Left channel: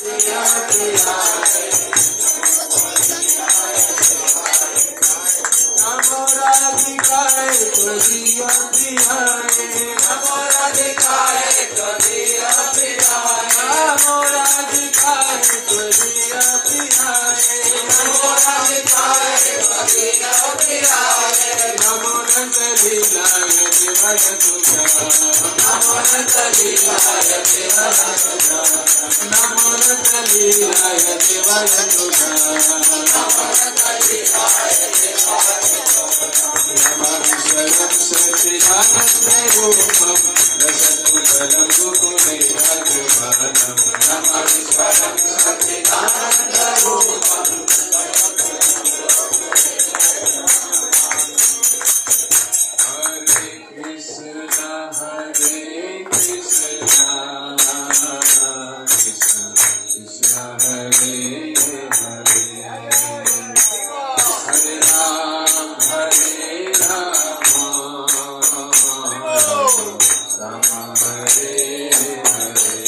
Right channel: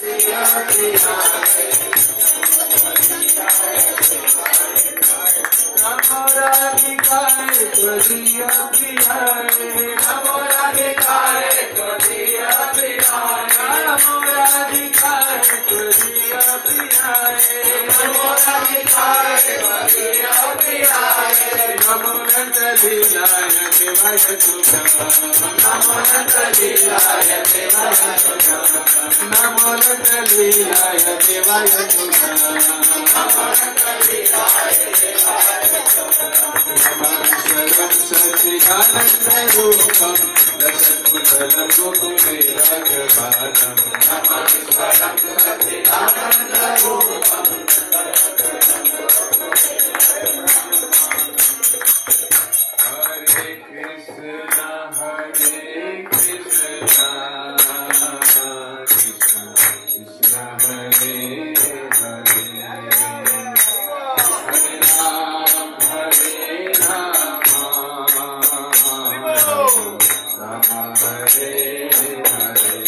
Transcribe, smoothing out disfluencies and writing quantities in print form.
नमो राधिकाय त्वदीय प्रियाय नमो राधिकाय त्वदीय प्रियाय नमो राधिकाय त्वदीय प्रियाय नमो राधिकाय त्वदीय प्रियाय नमो नंदलीलाय देवाय तुभ्यं नमो नंदलीलाय देवाय तुभ्यं नमो नंदलीलाय देवाय तुभ्यं नमो नंदलीलाय देवाय नमस्वरं सच्चिदानन्दरूपं रसद्भुतलं गोकुलेन्द्रपादं नमस्वरं सच्चिदानन्दरूपं हरे कृष्ण कृष्ण कृष्ण हरे हरे हरे राम राम हरे